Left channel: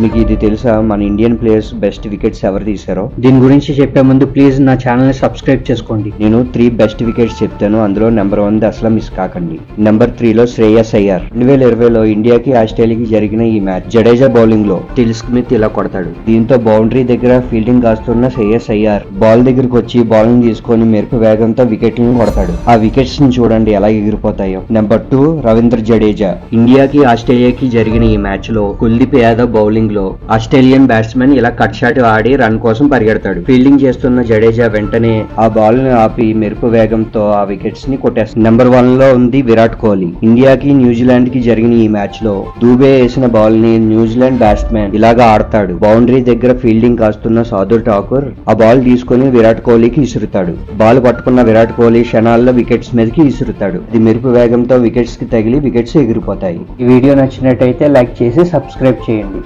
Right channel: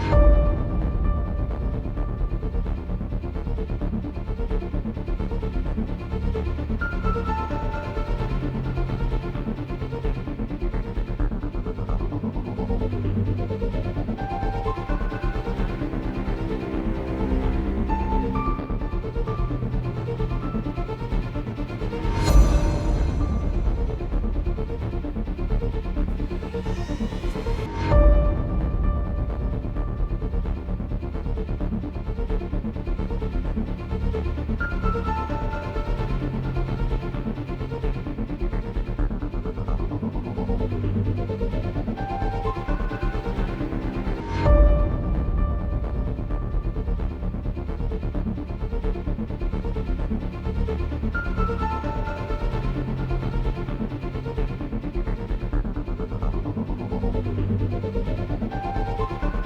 మీకు ఇది తెలుసా, మన ఇండియన్ ప్లేయర్స్ బెస్ట్ వికెట్స్ ఎవరు తీశారో? దీని గురించి చెప్పే ముందు ప్లీజ్ నా ఛానల్ ని సబ్స్క్రైబ్ చేసుకోండి. నేను 3 బెస్ట్ వికెట్స్ చెప్తాను, అందులో నెంబర్ 1 అసలు మిస్ కాకండి. నెంబర్ 3 లో శ్రేయస్ అయ్యర్. 2020లో ఇండియాకి ఆస్ట్రేలియాకి జరిగిన ఈ మ్యాచ్ జడేజా బౌలింగ్ లో టిల్ స్మిత్ ఇలా కొడతాడు. దీంతో బౌండరీ దగ్గర ఫీల్డింగ్ కాస్తున్న శ్రేయస్ అయ్యర్ బాల్ దగ్గరకు వచ్చి బౌలింగ్ తీసుకొని మెరుపు వేగంతో వికెట్లను కొడతాడు. ఆ వికెట్స్ ని చూడండి ఎలా ఎగిరిపోతాయో. నెంబర్ 2 రవీంద్ర జడేజా. ఇండియాకి ఆస్ట్రేలియాకి జరిగిన ఈ మ్యాచ్ లో కుల్దీప్ యాదవ్ బౌలింగ్ లో ఆస్ట్రేలియన్ బ్యాట్స్మెన్ ఇలా కట్ షాట్ ఆడి రన్ కోసం పరిగెడతాడు. ఫీల్డింగ్ చేస్తున్న జడేజా వెంటనే ఆ బాల్ ని ఆపి మెరుపు వేగంతో ఆ వికెట్స్ ని కొట్టేస్తాడు. నెంబర్ 1 లో ఉంది విరాట్ కోహ్లీ. ఇండియాకి న్యూజిలాండ్ కి జరిగిన ఈ మ్యాచ్ లో దూబే వేసిన బాల్ ని న్యూజిలాండ్ బ్యాట్స్మెన్ ఇలాగా ఆడతాడు. బౌండరీ దగ్గర ఫీల్డింగ్ కాస్తున్న సాదుల్ ఠాకూర్ ఆ బాల్ తీసుకుని విరాట్ కోహ్లీకి విసురుతాడు. బాల్ పట్టుకున్న విరాట్ కోహ్లీ క్షణాల్లో వికెట్స్ మీదకి విసురుతాడు. ఇది మెరుపు వేగంతో వికెట్స్ కి తగిలి వికెట్స్ ఎగిరిపోతాయి. ఈ వీడియో నచ్చినట్టయితే లైక్ చేసి సబ్స్క్రైబ్ చేయండి.